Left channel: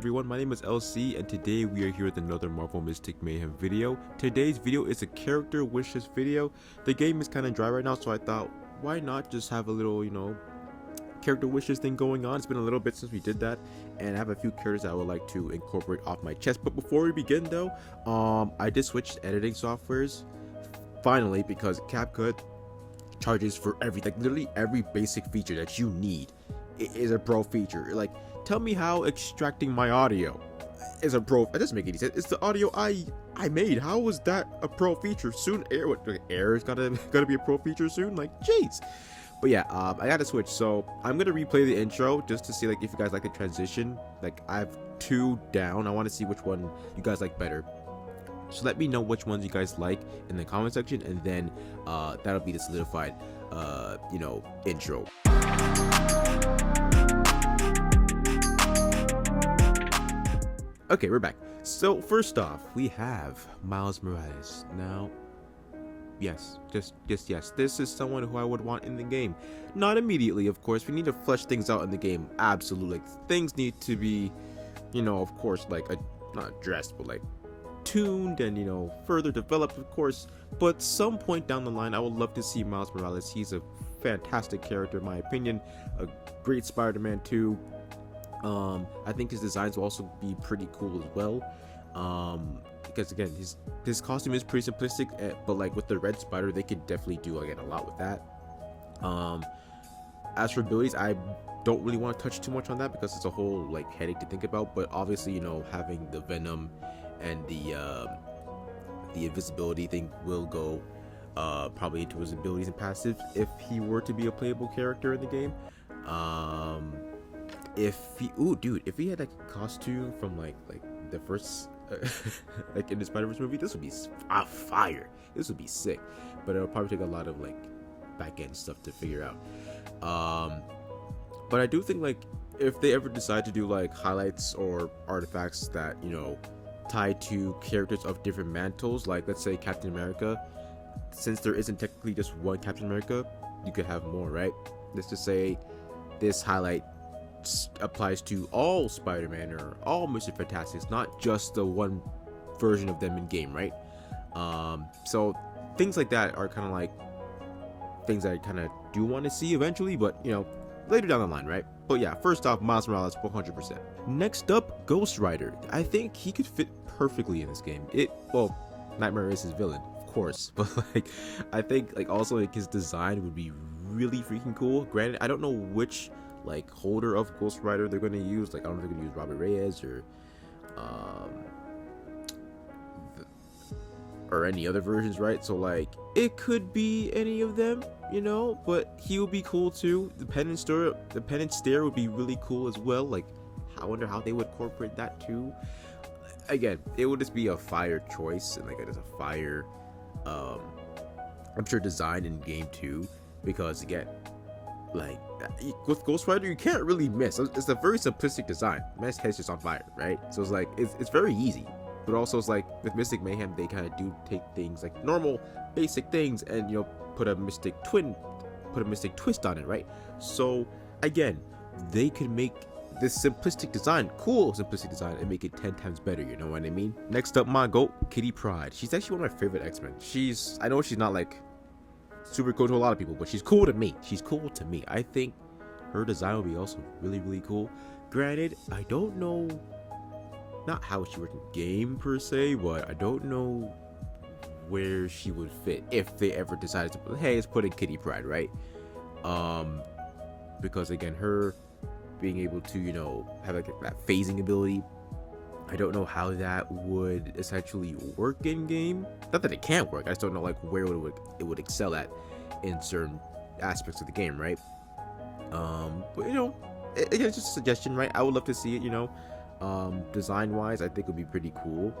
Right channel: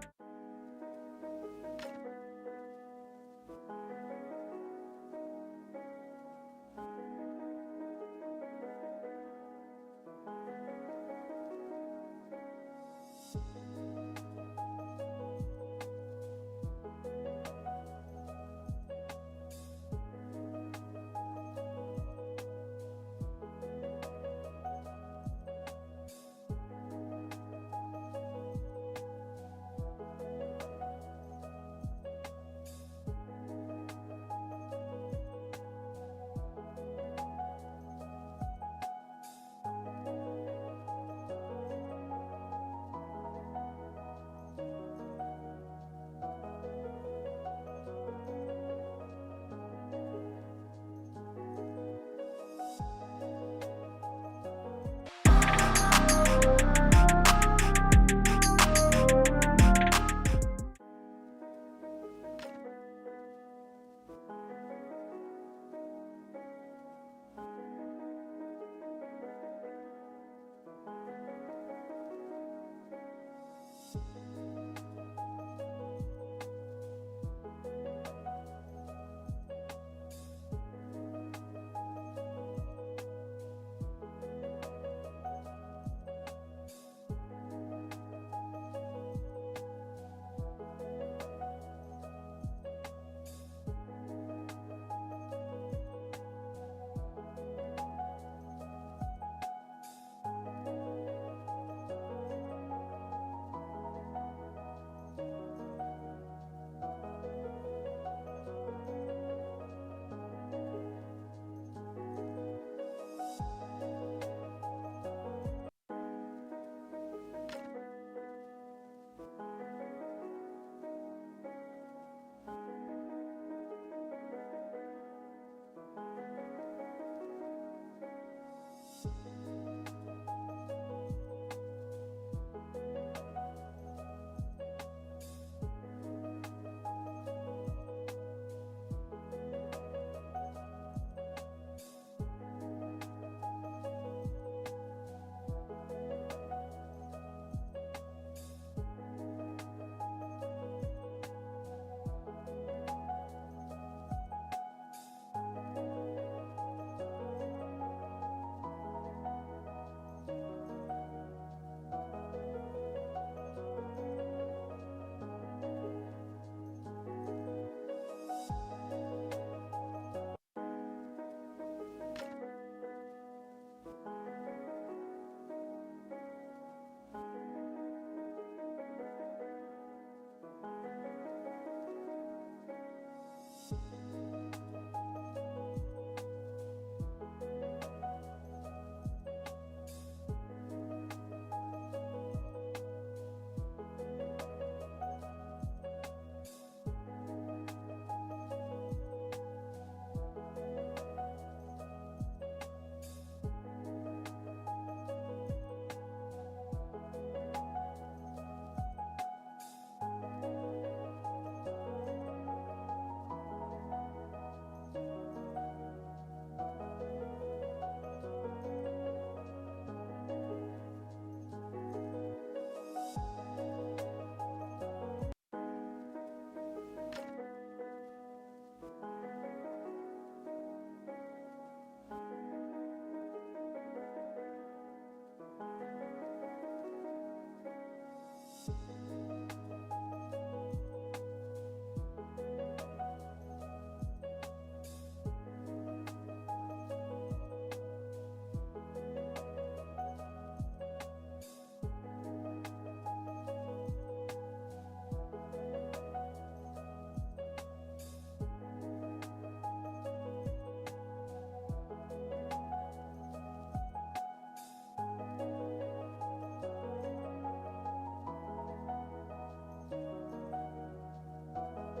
everyone, my name is LC and today we are here with another Marvel Mystic Mayhem video. Today's video is a character wishes video. The game is kind of dry right now, so I thought why not just have a little, character wishes thing going on. It's been a little bit since we did that, and I have a few characters I would like to incorporate off my chest. But before we begin though, I just switched editing softwares finally because CapCut charges for everything. Like literally every basic feature that you need is a pro feature. Like, tell me how extracting my audio is a pro. That doesn't make any sense. It's the audio I made. How was that a pro feature? Soon air is gonna be a pro feature soon. Like, jeez. But yeah, I gotta switch. So I'm gonna replay the intro just to see like if you guys like the transition. Like, I have two down. I want to see which one you guys like better. So let me know which ones you guys like in the comment section, and then that'll be the solidified intro. Okay, we're back. So first off, we have Miles Morales. Now, yes, just yes, this is someone who I would want in the game. Not immediately, of course. We need to flesh things out in the game. Absolutely, like, things need to be, of course, like not addressed, but like tuned and further developed, of course. But some point down the line, I would love to see Miles Morales. He's a fantastic character, in my opinion. A great Spider-Man too. I think his designs will also be pretty cool as well. Because again, his costume is pretty simplistic, but like with the red spider, they could definitely do again a lot with that. As for abilities, I don't really want to touch too much on that because it's a whole like headache to think about. But obviously, having the venom and the invisibility thing will go probably into his abilities and passives if he were to be a playable character in the game. If he had like a costume from like the first like in the Spider-Verse movie, this would be fire. This would be sick, but it'll probably take a lot of like back end stuff to figure out. But I do think like if they ever decide to do like highlights or artifacts that tie to characters of different mantles, like let's say Captain America, since there isn't technically just one Captain America, you could have more, right? Let's just say this highlight applies to all Spider-Man or all Mr. Fantastics, not just the one version of them in game, right? So things like that are kind of like things that I kind of do want to see eventually, but later down the line, right? But yeah, first off, Miles Morales 100%. Next up, Ghost Rider. I think he could fit perfectly in this game. Nightmare is his villain, of course, but like I think like also like his design would be really freaking cool. Granted, I don't know which like holder of Ghost Rider they're going to use. Like, I don't know if they're going to use Robert Reyes or any other versions, right? So like it could be any of them, but he would be cool too. The penance stare would be really cool as well. Like, I wonder how they would incorporate that too. Again, it would just be a fire choice, and like it is a fire I'm sure design in game too, because again, like with Ghost Rider, you can't really miss. It's a very simplistic design. Man's head's just on fire, right? So it's like it's very easy. But also it's like with Mystic Mayhem, they kind of do take things like normal basic things and put a mystic twist on it, right? So again, they could make this simplistic design, cool simplistic design, and make it 10 times better. You know what I mean? Next up, my goat, Kitty Pryde. She's actually one of my favorite X-Men. I know she's not like super cool to a lot of people, but she's cool to me. I think her design will be also really, really cool. Granted, I don't know not how she works in game per se, but I don't know where she would fit if they ever decided to let's put in Kitty Pryde, right? Because again, her being able to have like that phasing ability, I don't know how that would essentially work in game. Not that it can't work, I just don't know like where it would excel at in certain aspects of the game, right? But it's just a suggestion, right? I would love to see it. Design wise, I think it would be pretty cool.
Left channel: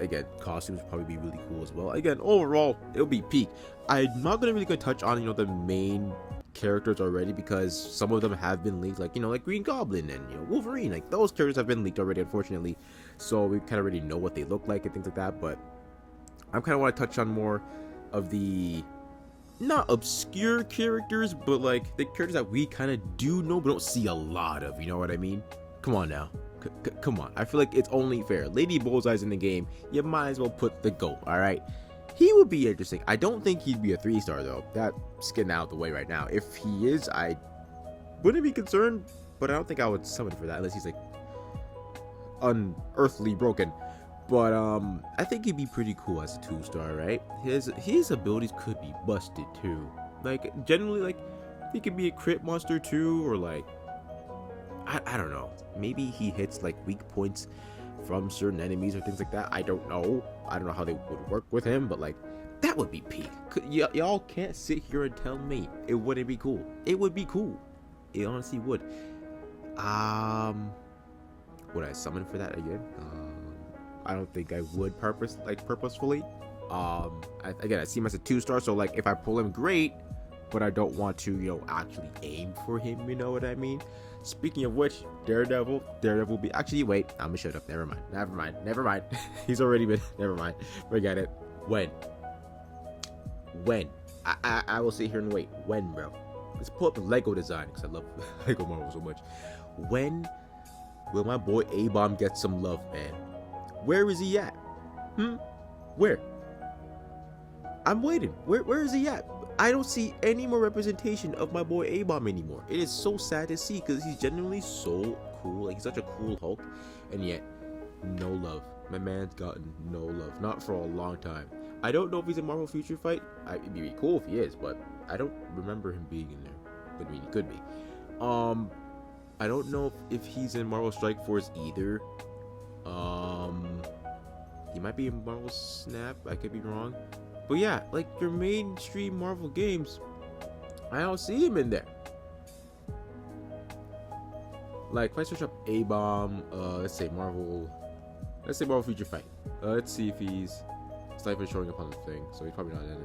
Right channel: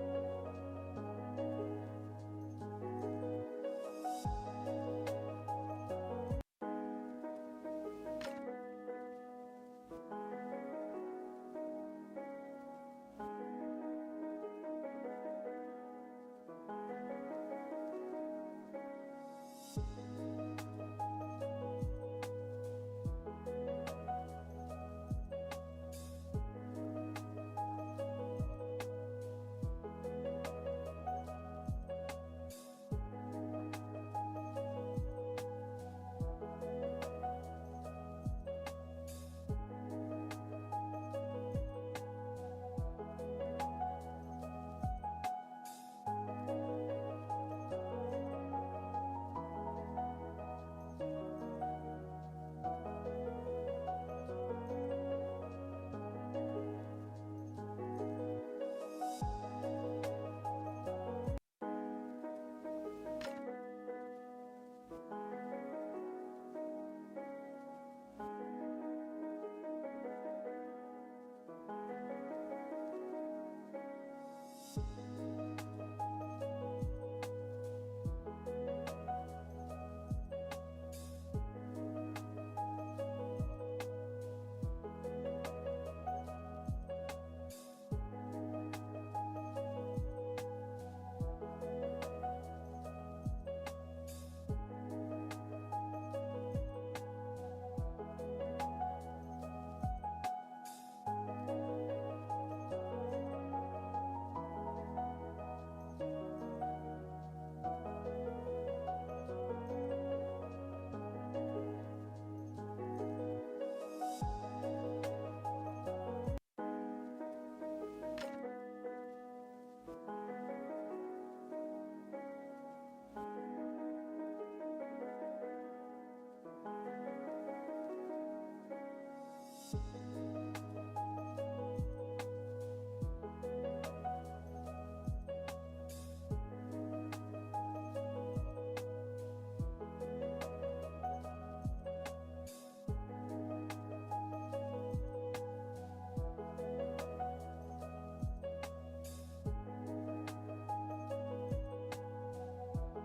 Again, costumes would probably be really cool as well. Again, overall, it'll be peak. I'm not gonna touch on the main characters already, because some of them have been leaked, like like Green Goblin and Wolverine. Like, those characters have been leaked already, unfortunately, so we kind of already know what they look like and things like that. But I kind of want to touch on more of the not obscure characters, but like the characters that we kind of do know but don't see a lot of, you know what I mean? Come on now. Come on. I feel like it's only fair. Lady Bullseye's in the game. You might as well put the GOAT, alright? He would be interesting. I don't think he'd be a 3-star, though. That's getting out of the way right now. If he is, I wouldn't be concerned, but I don't think I would summon for that unless he's, like, unearthly broken. But, I think he'd be pretty cool as a 2-star, right? His abilities could be busted, too. Like, generally, like, he could be a crit monster, too, or, like, I don't know. Maybe he hits, like, weak points from certain enemies or things like that. I don't know. I don't know how they would work with him, but, like, that would be peak. Y'all can't sit here and tell me it wouldn't be cool. It would be cool. It honestly would. Would I summon for that again? I don't think I would purposefully. Again, I see him as a 2-star, so, like, if I pull him, great, but I don't want to, you know, actually aim for him, you know what I mean? Speaking of which, Daredevil will be, actually, wait, I'm gonna shut up, never mind, he's already been, never mind, forget it. When? I will sit here and wait. When, bro? Let's pull up the Lego design, because I love Lego Marvel so much. When will my boy A-Bomb get some love, man? Where is he at? Where? I'm waiting. Where is he at? I don't see any more representation of my boy A-Bomb anymore. It is so sad to see because he's genuinely so cool. Like, he's such a cool Hulk, and yet no love. My man's gotten no love, not for a long time. I don't know if he's in Marvel Future Fight. It'd be cool if he is, but I don't remember him being in there. But I mean, he could be. I don't know if he's in Marvel Strike Force either. He might be in Marvel Snap. I could be wrong. But yeah, like your mainstream Marvel games, I don't see him in there. Like if I search up A-Bomb, let's say Marvel Future Fight. Let's see if he's not even showing up on the thing, so he's probably not in it.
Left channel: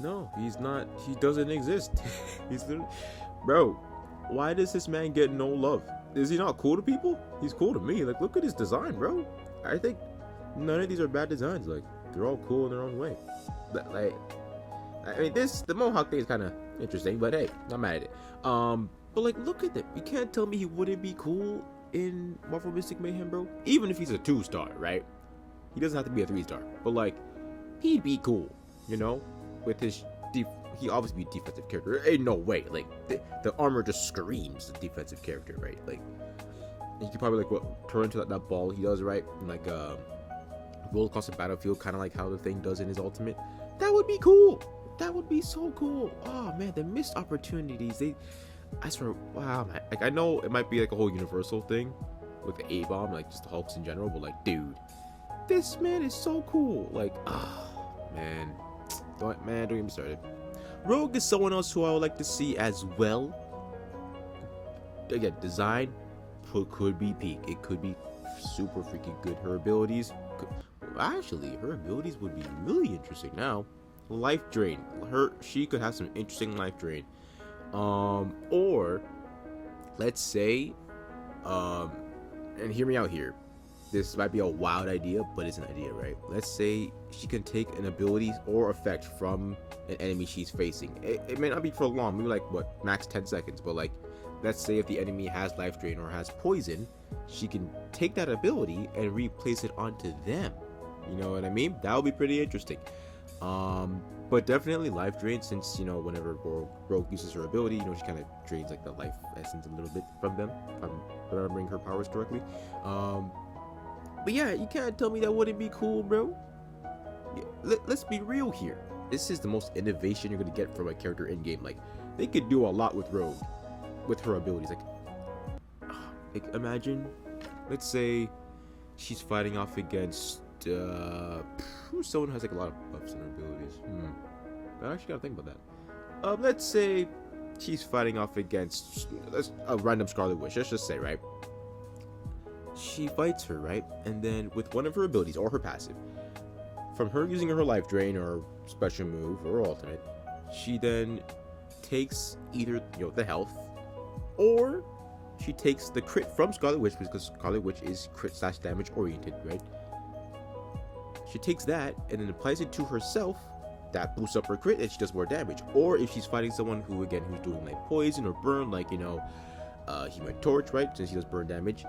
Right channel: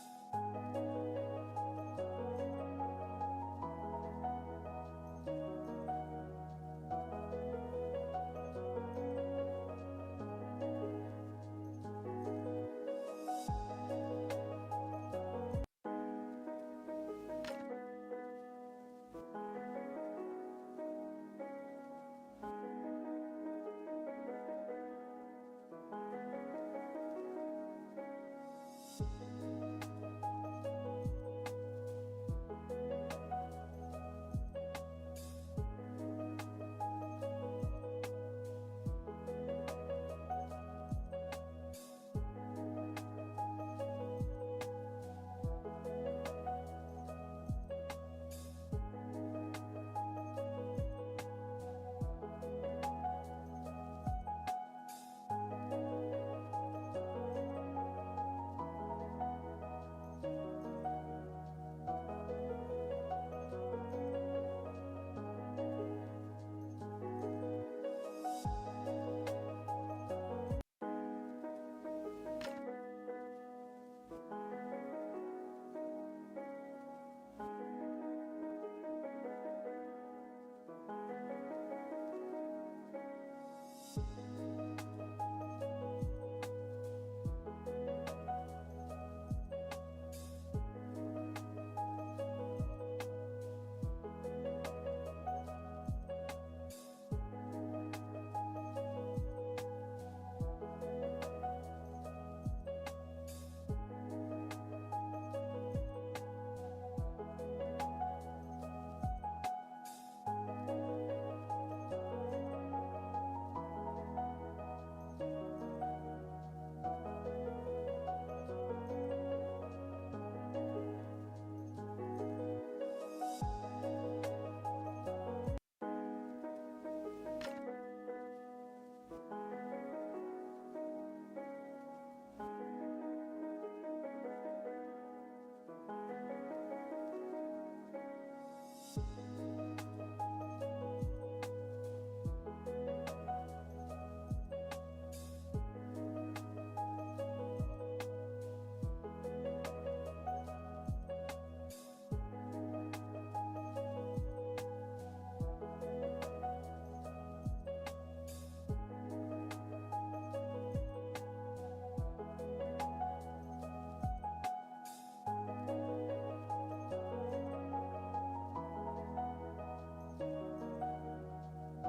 No, he's not. He doesn't exist. He's literally, bro. Why does this man get no love? Is he not cool to people? He's cool to me. Like, look at his design, bro. I think none of these are bad designs. Like, they're all cool in their own way. But, like, I mean, the Mohawk thing is kind of interesting, but hey, I'm mad at it. But like, look at them. You can't tell me he wouldn't be cool in Marvel Mystic Mayhem, bro. Even if he's a 2-star, right? He doesn't have to be a 3-star, but like, he'd be cool, you know, with his he obviously be a defensive character. Ain't no way. Like the armor just screams the defensive character, right? Like you could probably like turn into that ball he does, right? And, like roll across the battlefield, kind of like how the thing does in his ultimate. That would be cool. That would be so cool. Oh man, the missed opportunities. I swear, wow, man. Like I know it might be like a whole universal thing with the A-Bomb, like just the Hulks in general, but like, dude, this man is so cool. Like, man, don't get me started. Rogue is someone else who I would like to see as well. Again, design could be peak. It could be super freaking good. Her abilities, her abilities would be really interesting now. Life drain. She could have some interesting life drain. Or let's say, and hear me out here. This might be a wild idea, but it's an idea, right? Let's say she can take an ability or effect from an enemy she's facing. It may not be for long, maybe like what, max 10 seconds, but like, let's say if the enemy has life drain or has poison, she can take that ability and replace it onto them. You know what I mean? That would be pretty interesting. But definitely life drain, since, you know, whenever Rogue uses her ability, you know, she kind of drains like the life essence a little bit from them, if I'm remembering her powers correctly. But yeah, you can't tell me that wouldn't be cool, bro. Let's be real here. This is the most innovation you're gonna get from a character in game. Like, they could do a lot with Rogue, with her abilities. Like imagine, let's say she's fighting off against someone who has like a lot of buffs in her abilities. I actually gotta think about that. Let's say she's fighting off against a random Scarlet Witch. Let's just say, right? She fights her, right? And then with one of her abilities or her passive, from her using her life drain or special move or ultimate, she then takes either, you know, the health, or she takes the crit from Scarlet Witch, because Scarlet Witch is crit / damage oriented, right? She takes that and then applies it to herself. That boosts up her crit and she does more damage. Or if she's fighting someone who, again, who's doing like poison or burn, like, you know, Human Torch, right? Since she does burn damage,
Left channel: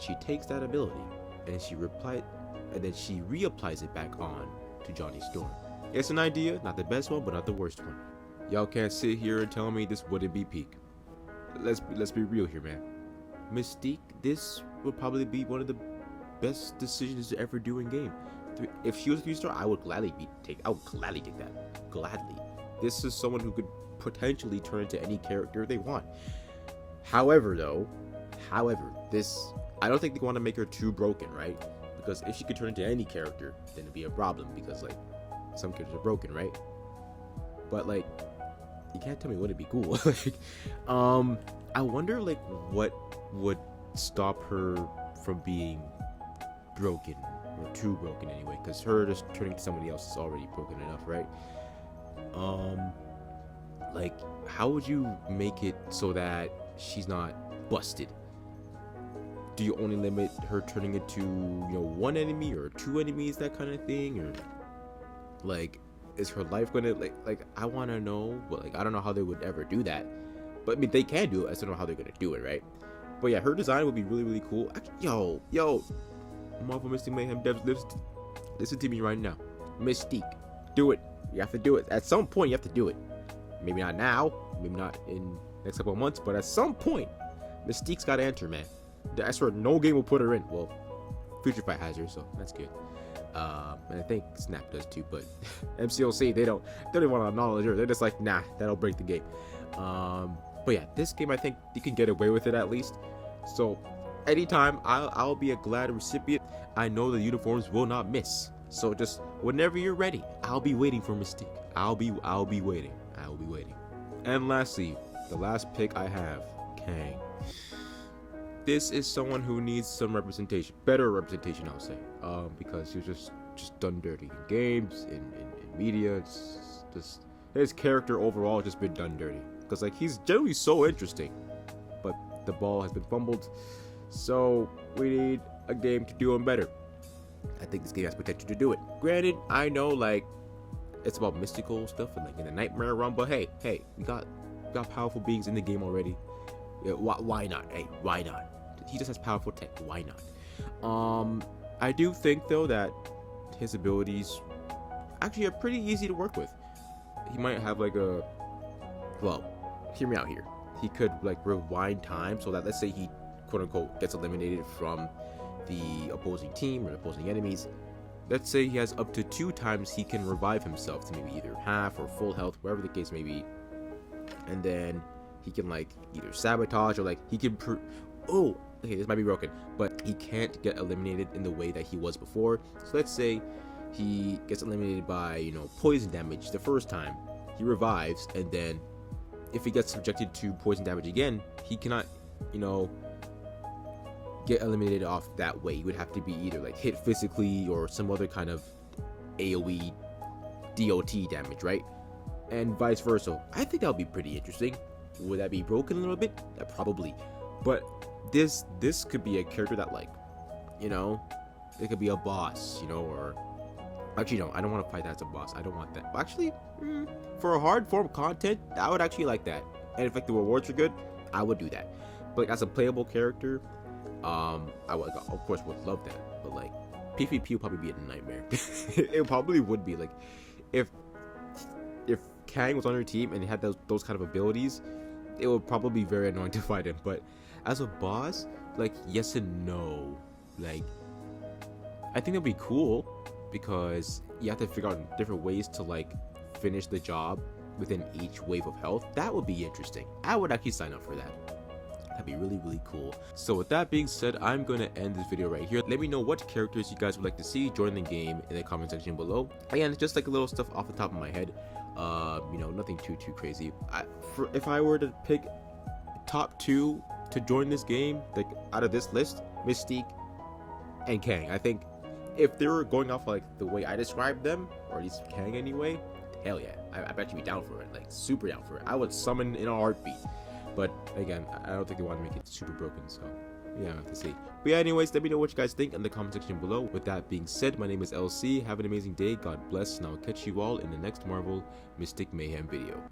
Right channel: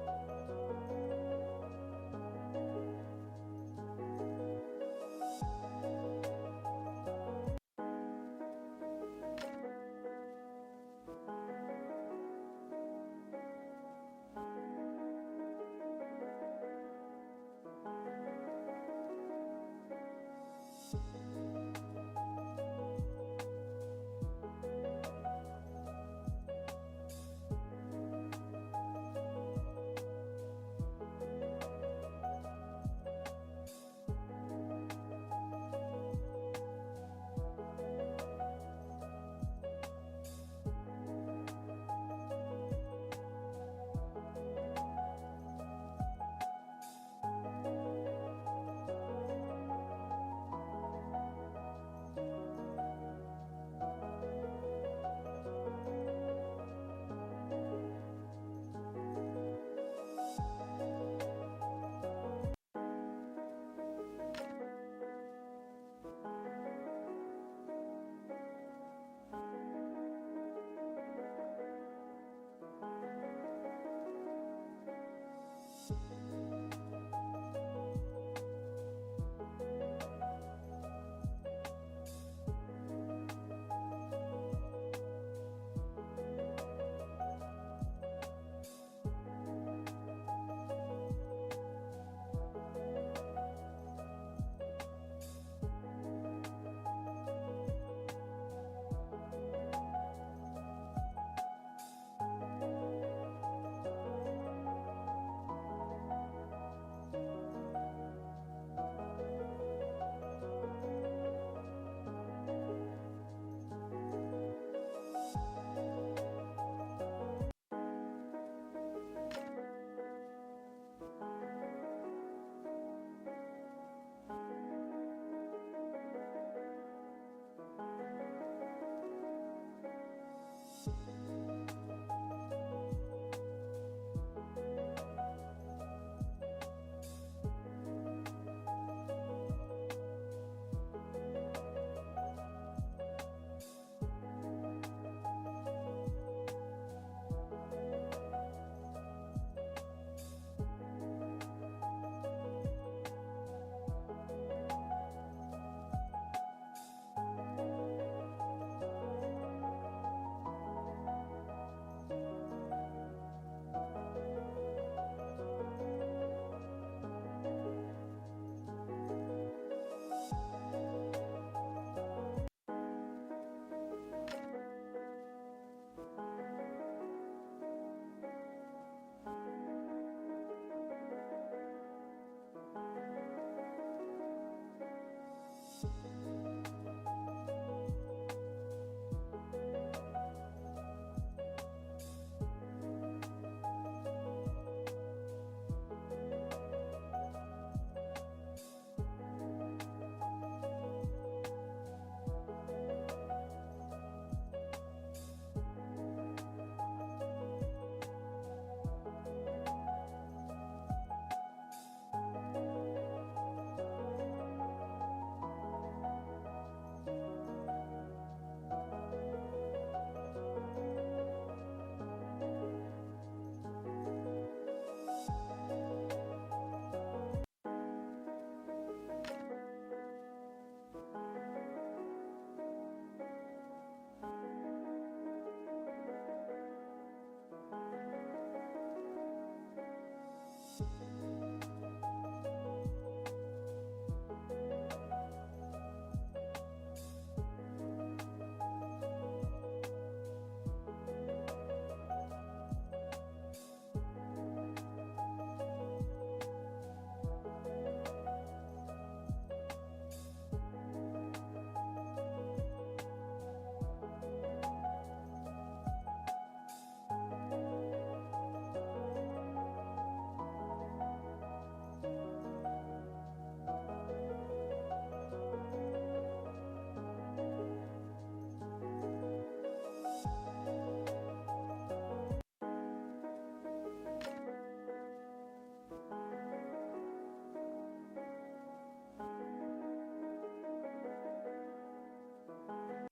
she takes that ability and then she reapplies it back on to Johnny Storm. It's an idea, not the best one, but not the worst one. Y'all can't sit here and tell me this wouldn't be peak. Let's be real here, man. Mystique, this would probably be one of the best decisions to ever do in game. If she was a 3-star, I would gladly take that. Gladly. This is someone who could potentially turn into any character they want. However, this, I don't think they want to make her too broken, right? Because if she could turn into any character, then it'd be a problem, because like some characters are broken, right? But like, you can't tell me wouldn't be cool. Like, I wonder like what would stop her from being broken, or too broken anyway, because her just turning to somebody else is already broken enough, right? Like, how would you make it so that she's not busted? Do you only limit her turning into, you know, one enemy or two enemies, that kind of thing? Or like, is her life gonna like I want to know, but like I don't know how they would ever do that. But I mean, they can do it, I just don't know how they're gonna do it, right? But yeah, her design would be really, really cool. Actually, yo Marvel Mystic Mayhem devs, listen to me right now. Mystique, do it. You have to do it. At some point you have to do it. Maybe not now, maybe not in next couple of months, but at some point Mystique's gotta enter, man. I swear no game will put her in. Well, Future Fight has her, so that's good. And I think Snap does too, but MCLC, they don't even want to acknowledge her. They're just like, nah, that'll break the game. But yeah, this game, I think you can get away with it at least. So anytime, I'll be a glad recipient. I know the uniforms will not miss. So just whenever you're ready, I'll be waiting for Mystique. I'll be waiting. And lastly, the last pick I have, Kang. This is someone who needs some representation, better representation, I would say, because he's just done dirty in games, in media. It's just his character overall has just been done dirty. Because like he's generally so interesting, but the ball has been fumbled. So we need a game to do him better. I think this game has potential to do it. Granted, I know like it's about mystical stuff and like in the nightmare realm, but hey, we got powerful beings in the game already. Yeah, why not? Hey, why not? He just has powerful tech. Why not? I do think though that his abilities actually are pretty easy to work with. He might have like a, well, hear me out here. He could like rewind time so that, let's say he quote unquote gets eliminated from the opposing team or opposing enemies. Let's say he has up to 2 times he can revive himself to maybe either half or full health, wherever the case may be, and then he can like either sabotage or like he can oh, okay, this might be broken, but he can't get eliminated in the way that he was before. So let's say he gets eliminated by, you know, poison damage the first time, he revives, and then if he gets subjected to poison damage again, he cannot, you know, get eliminated off that way. He would have to be either like hit physically or some other kind of AoE DOT damage, right? And vice versa. I think that would be pretty interesting. Would that be broken a little bit? Yeah, probably. But this could be a character that, like, you know, it could be a boss, you know, or actually no, I don't want to fight that as a boss. I don't want that. Actually, for a hard form content, I would actually like that. And if like the rewards are good, I would do that. But like, as a playable character, I would, of course, would love that. But like PvP would probably be a nightmare. It probably would be like if Kang was on your team and he had those kind of abilities, it would probably be very annoying to fight him. But as a boss, like, yes and no. Like, I think it'd be cool because you have to figure out different ways to like finish the job within each wave of health. That would be interesting. I would actually sign up for that. That'd be really, really cool. So with that being said, I'm gonna end this video right here. Let me know what characters you guys would like to see join the game in the comment section below. Again, it's just like a little stuff off the top of my head. You know, nothing too crazy. If I were to pick top 2 to join this game, like out of this list, Mystique and Kang. I think if they were going off like the way I described them, or at least Kang anyway, hell yeah, I bet you'd be down for it, like super down for it. I would summon in a heartbeat. But again, I don't think they want to make it super broken, so yeah, I have to see. But yeah, anyways, let me know what you guys think in the comment section below. With that being said, my name is LC. Have an amazing day. God bless, and I'll catch you all in the next Marvel Mystic Mayhem video.